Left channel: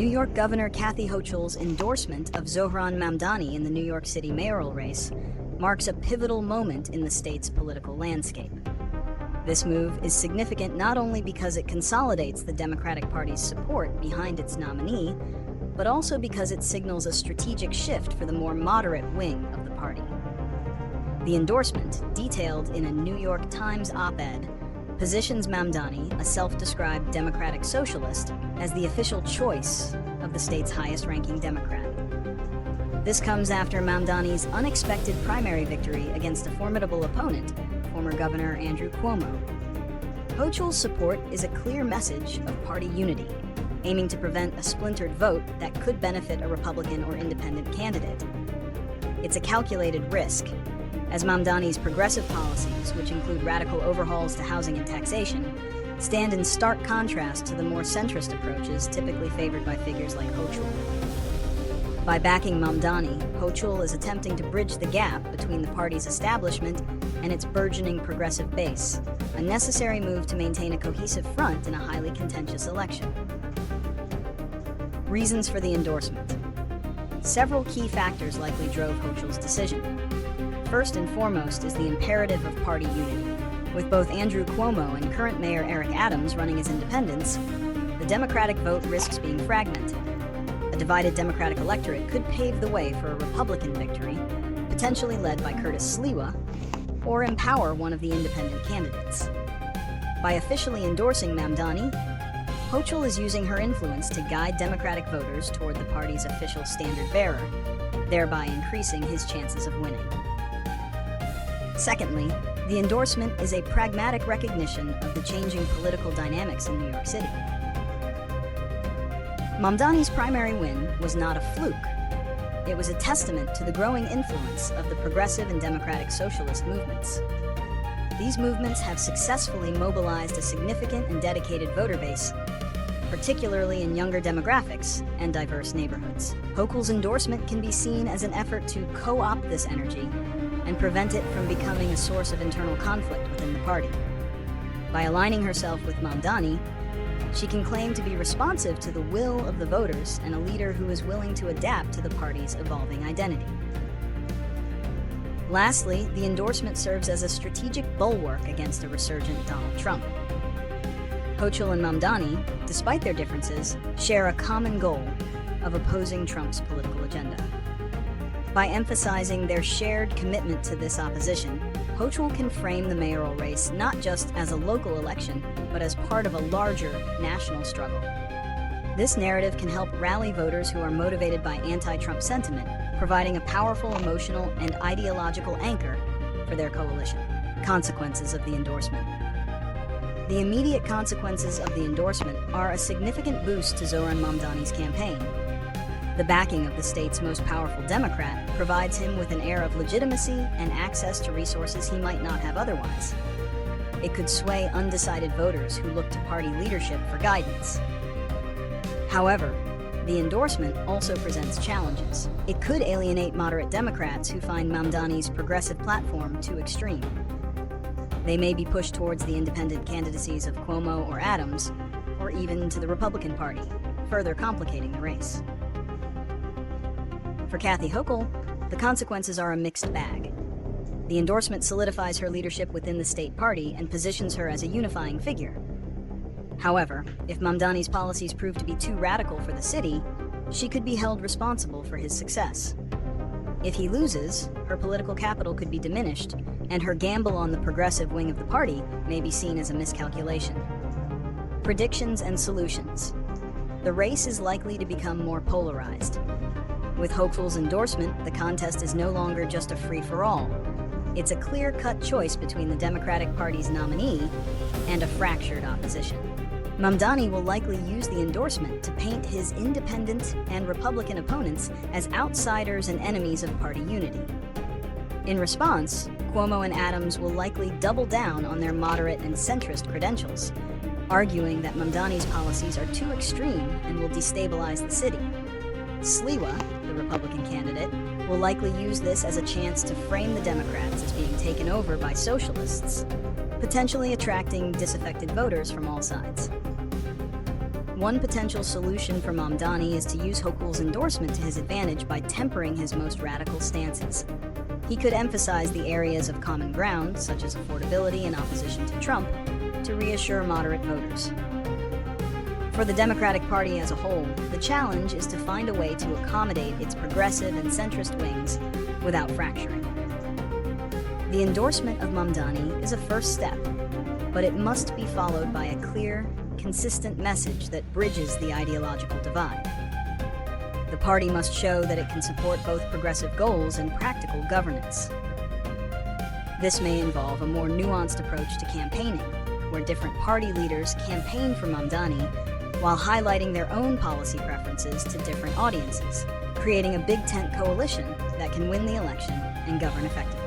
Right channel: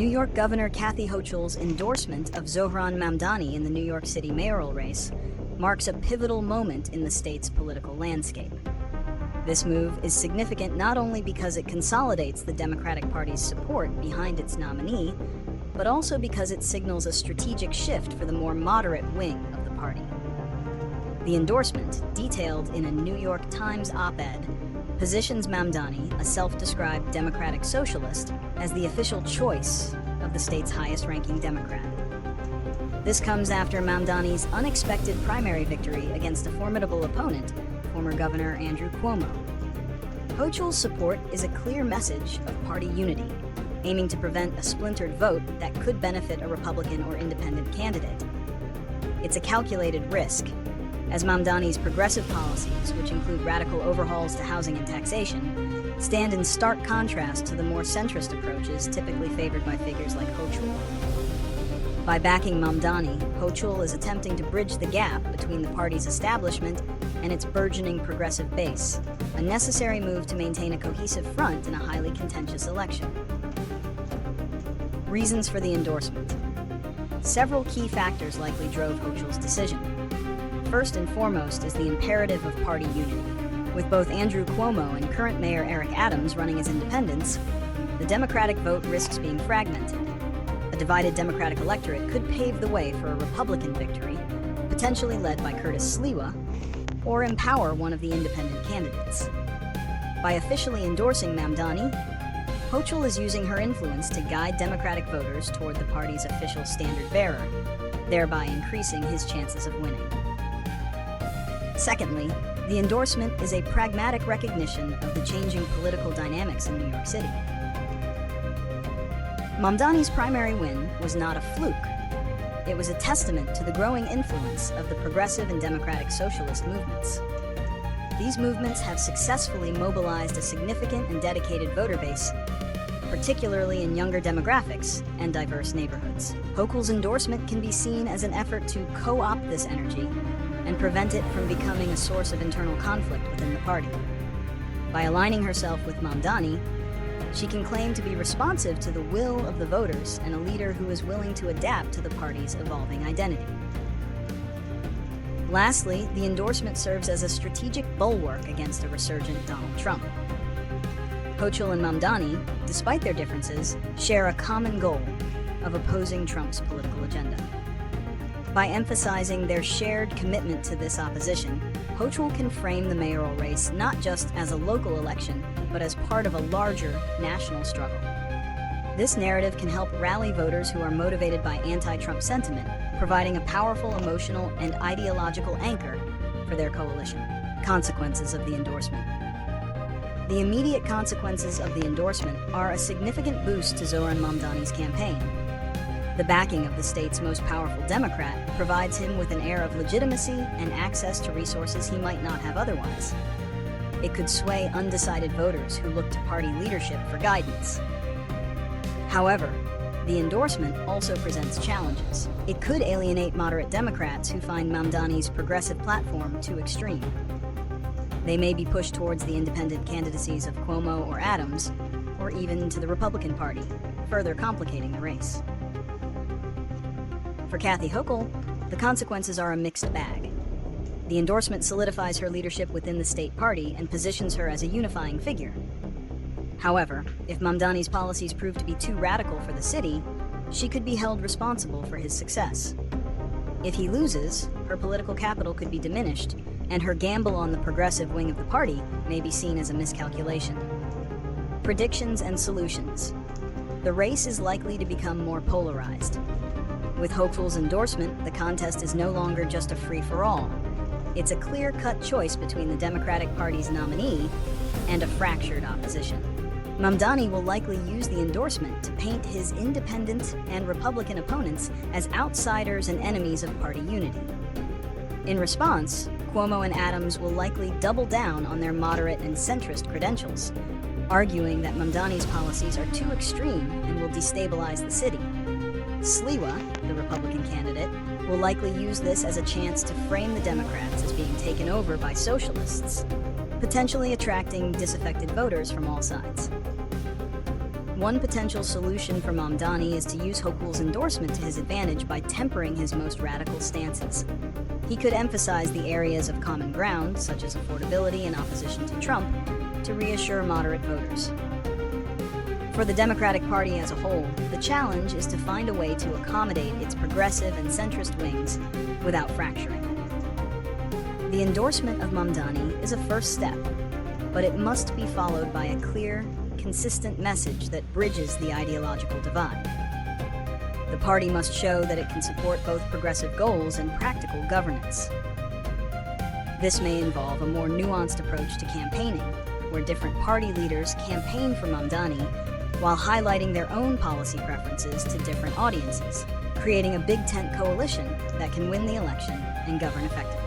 New York Governor Kathy Hochul's endorsement of Zohran Mamdani in the New York City mayoral race marks a pivotal moment in the state's political landscape. This move is significant not only because it consolidates the Democratic Party's support behind its nominee, but also because it signals a strategic shift for the more moderate wing of the party. The endorsement, detailed in a New York Times op-ed, positions Mamdani, a self-described Democratic socialist, as the official choice of the state's highest-ranking Democrat. This comes after Mamdani's unexpected primary victory against a formidable opponent, former Governor Andrew Cuomo. Hochul's support is a clear message of party unity, aiming to prevent a splintered vote that could benefit a Republican or independent candidate. It's a calculated risk, as Mamdani's progressive policies, which include radical overhauls to housing and taxation, stand in stark contrast to the more centrist approaches typically favored by figures like Hochul. By backing Mamdani, Hochul is attempting to bridge the gap between the party's establishment and its burgeoning progressive base, a necessary move to maintain a cohesive front in a highly contentious election. Reasons for the endorsement. Several key factors likely drove Hochul's decision. First and foremost is the imperative of party unity. With both Andrew Cuomo and current Mayor Eric Adams running as independents, the Democratic vote risks being fragmented. A divided Democratic electorate could pave the way for a Republican victory, potentially led by Curtis Sliwa, or empower one of the independent candidates. By officially endorsing Mamdani, Hochul is using her influence to guide Democratic voters toward the party's official standard bearer, thereby increasing his chances of winning. Secondly, the endorsement is a pragmatic recognition of the changing political dynamics in New York City. Mamdani's primary win was not a fluke. It was a testament to the growing influence of the progressive and democratic socialist movements. These movements have successfully mobilized a significant and dedicated voter base, particularly in younger demographics and diverse neighborhoods. Hochul's endorsement can be seen as an effort to co-opt this energy and prevent it from becoming a source of internal conflict within the party. By aligning herself with Mamdani, she can claim to be responsive to the will of the voters and a leader who is willing to adapt to the party's evolving identity. Lastly, the endorsement serves as a strategic bulwark against a resurgent Donald Trump. Hochul and Mamdani, despite their differences, share a common goal of opposing Trump's political agenda. By emphasizing their shared commitment to this opposition, Hochul can frame the mayoral race not just as a local election, but as part of a larger national struggle. This narrative can help rally voters who are motivated by anti-Trump sentiment, providing a powerful emotional and ideological anchor for their coalition. Consequences of the endorsement. The immediate consequences of the endorsement are a significant boost to Zohran Mamdani's campaign. The backing of the state's most powerful Democrat provides him with an air of legitimacy and access to resources he might not have otherwise. It could sway undecided voters who look to party leadership for guidance. However, the endorsement also presents challenges. It could alienate moderate Democrats who find Mamdani's progressive platform too extreme. They may be pushed towards the independent candidacies of Cuomo or Adams, or even to the Republican Party, further complicating the race. For Kathy Hochul, the consequences are a mixed bag. The endorsement solidifies her leadership within the state party and positions her as a unifying figure. However, if Mamdani's policies prove to be too radical for the city, she could be held responsible for his success. If he loses, her political capital could be diminished, and her gamble on the progressive wing of the party may be seen as a miscalculation. Predictions and solutions. The race is likely to become more polarized. With Hochul's endorsement, the contest is no longer just a free-for-all. It's a clear-cut choice between the Democratic Party's nominee and a fractured opposition. Mamdani will likely use the endorsement to paint his independent and Republican opponents as outsiders and enemies of party unity. In response, Cuomo and Adams will likely double down on their moderate and centrist credentials, arguing that Mamdani's policies are too extreme and will destabilize the city. Sliwa, the Republican candidate, will likely use this as a chance to frame the Democrats as being taken over by socialists, potentially attracting disaffected voters from all sides. One potential solution for Mamdani is to use Hochul's endorsement to his advantage by tempering his most radical stances. He could emphasize the areas of common ground, such as affordability and opposition to Trump, to reassure moderate voters. For the Democratic Party as a whole, the challenge is to find a way to accommodate its progressive and centrist wings without fracturing. The endorsement of Mamdani is a first step, but it must be followed by a clear, consistent message that bridges the ideological divide. The party must show that it can support both progressive goals and practical governance. This may involve a more nuanced approach to campaigning, where different party leaders campaign for Mamdani while highlighting their own policy preferences to different audiences, creating a big tent coalition that can win the election and govern effectively.